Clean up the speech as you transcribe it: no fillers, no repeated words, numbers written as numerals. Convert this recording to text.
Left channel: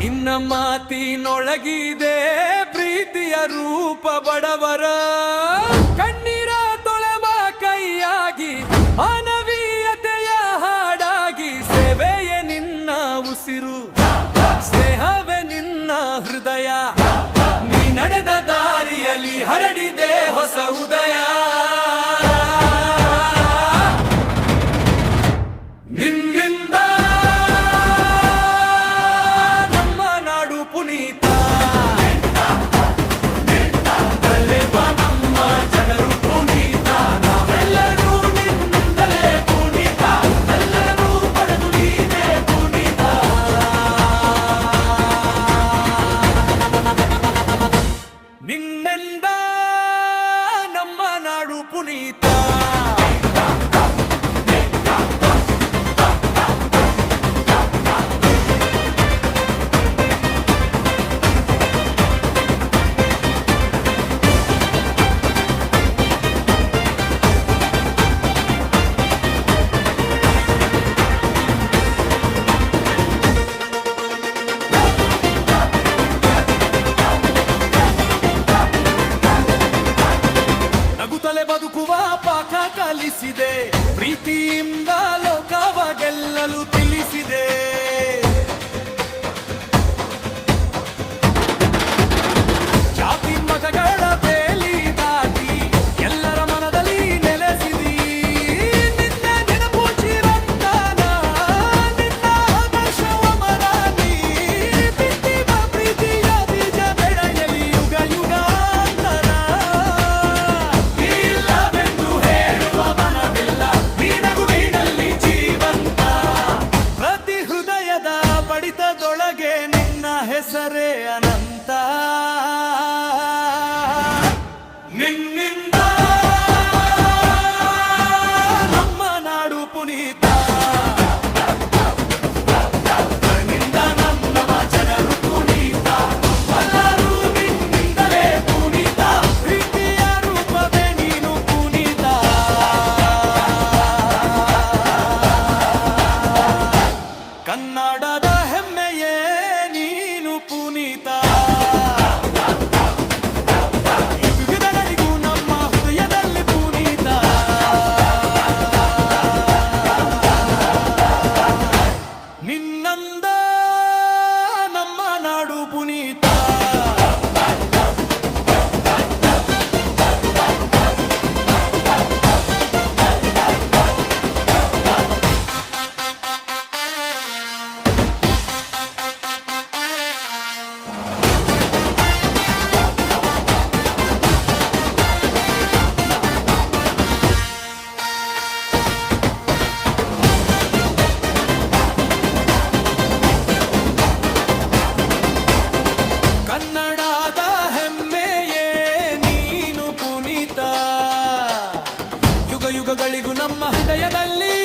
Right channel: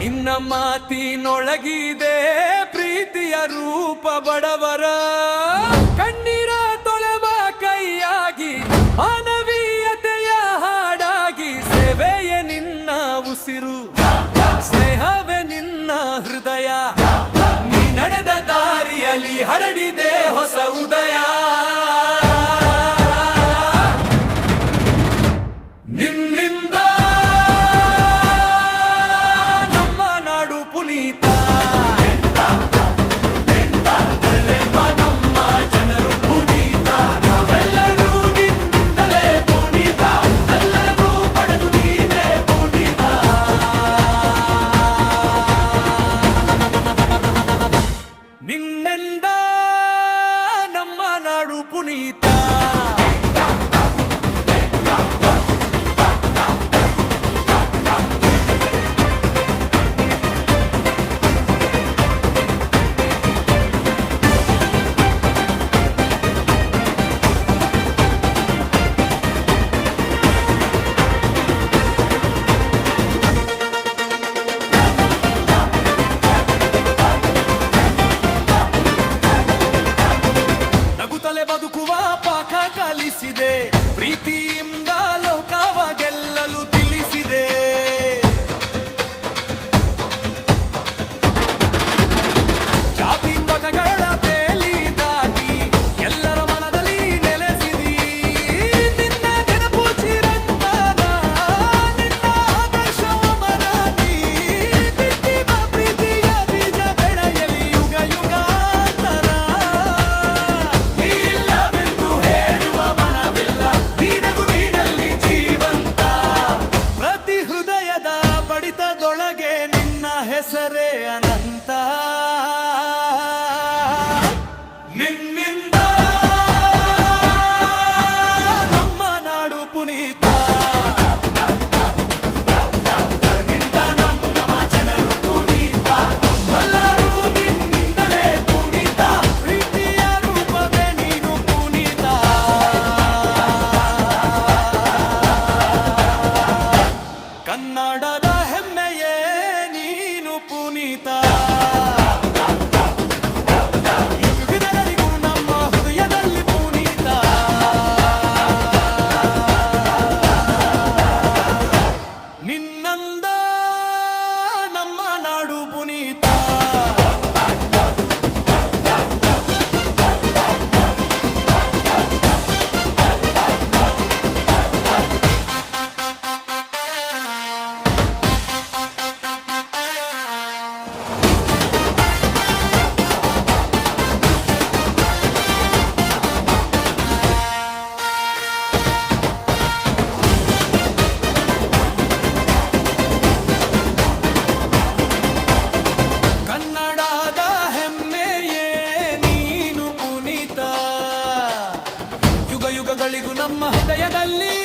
ನಿನ್ನ ಮಾತಿನೊಳಗಿದೆ ಪ್ರೀತಿಯ ರೂಪ ಬಡವರ ಕಣ್ಣೀರ ತೊಳೆವ ಕೈಯಾಗಿ ಮಾನವೀಯತೆಯ ಹಾಡಾಗಿ ಸೇವೆಯೇ ನಿನ್ನ ಉಸಿರು ಸ್ನೇಹವೇ ನಿನ್ನ ಹೃದಯ ನೀ ನಡೆದ ದಾರಿಯಲ್ಲಿ ಹರಡಿದೆ ಹೊಸ ಉದಯ ನಿನ್ನಿಂದ ನಮ್ಮ ನಾಡು ಪುನೀತ ನಮ್ಮ ಜನರು ಪುನೀತ ನಾವೆಲ್ಲರೂ ನಿನ್ನಿಂದಲೇ ಪುನೀತ ಎಲ್ಲರೂ ಪಡೆದು ನೀನೇ ಪುನೀತ ನಿನ್ನಿಂದ ನಮ್ಮ ನಾಡು ಪುನೀತ ನಗುತ್ತಲೇ ಬದುಕುವ ಪಾಠ ಕಲಿಸಿದೆ ಪ್ರೀತಿಯಿಂದ ಲೋಕವ ಗೆಲ್ಲಲು ತಿಳಿಸಿದೆ ಜಾತಿ ಮತಗಳ ಬೇಲಿ ದಾಟಿ ಎಲ್ಲರ ಮನದಲ್ಲಿ ನೆಲೆಸಿದಿ ನಿನ್ನ ನೆನಪು ಚಿರಂತನ ನಿನ್ನ ಆದರ್ಶವ ಮರಾನಿ ಬಿಟ್ಟಿವ ಪ್ರೀತಿಯ ಬೀಜ ಬೆಳೆಯಲಿ ಯುಗ ಯುಗಾಂತರ ಇಲ್ಲವೆಂದು ಹೇಳುವ ಮನವಿಲ್ಲ ನೀನಗುವಿನಲ್ಲಿ ಜೀವಂತ ಪ್ರತಿ ಹೃದಯದ ಬಡಿತದೊಳಗೆ ನಿನ್ನ ಹೆಸರೇ ಅನಂತ ನಿನ್ನಿಂದ ನಮ್ಮ ನಾಡು ಪುನೀತ ನಿನ್ನಿಂದ ನಮ್ಮ ಜನರು ಪುನೀತ ಎಲ್ಲರೂ ನಿನ್ನಿಂದಲೇ ಪುನೀತ ಪ್ರೀತಿಯ ರೂಪವೇ ನೀನು ಪುನೀತ ಕನ್ನಡದ ಹೆಮ್ಮೆಯೇ ನೀನು ಪುನೀತ ಯುಗದವರೆಗೂ ನಮ್ಮ ಹೃದಯದಲ್ಲಿ ಪುನೀತ ನಿನ್ನಂದ ನಮ್ಮ ನಾಡು ಪುನೀತ ಕನ್ನಡದ ಹೆಮ್ಮೆಯೇ ನೀನು ಪುನೀತ ಯುಗ ಯುಗಗಳಿಗೂ ನಮ್ಮ ಹೃದಯದಲ್ಲಿ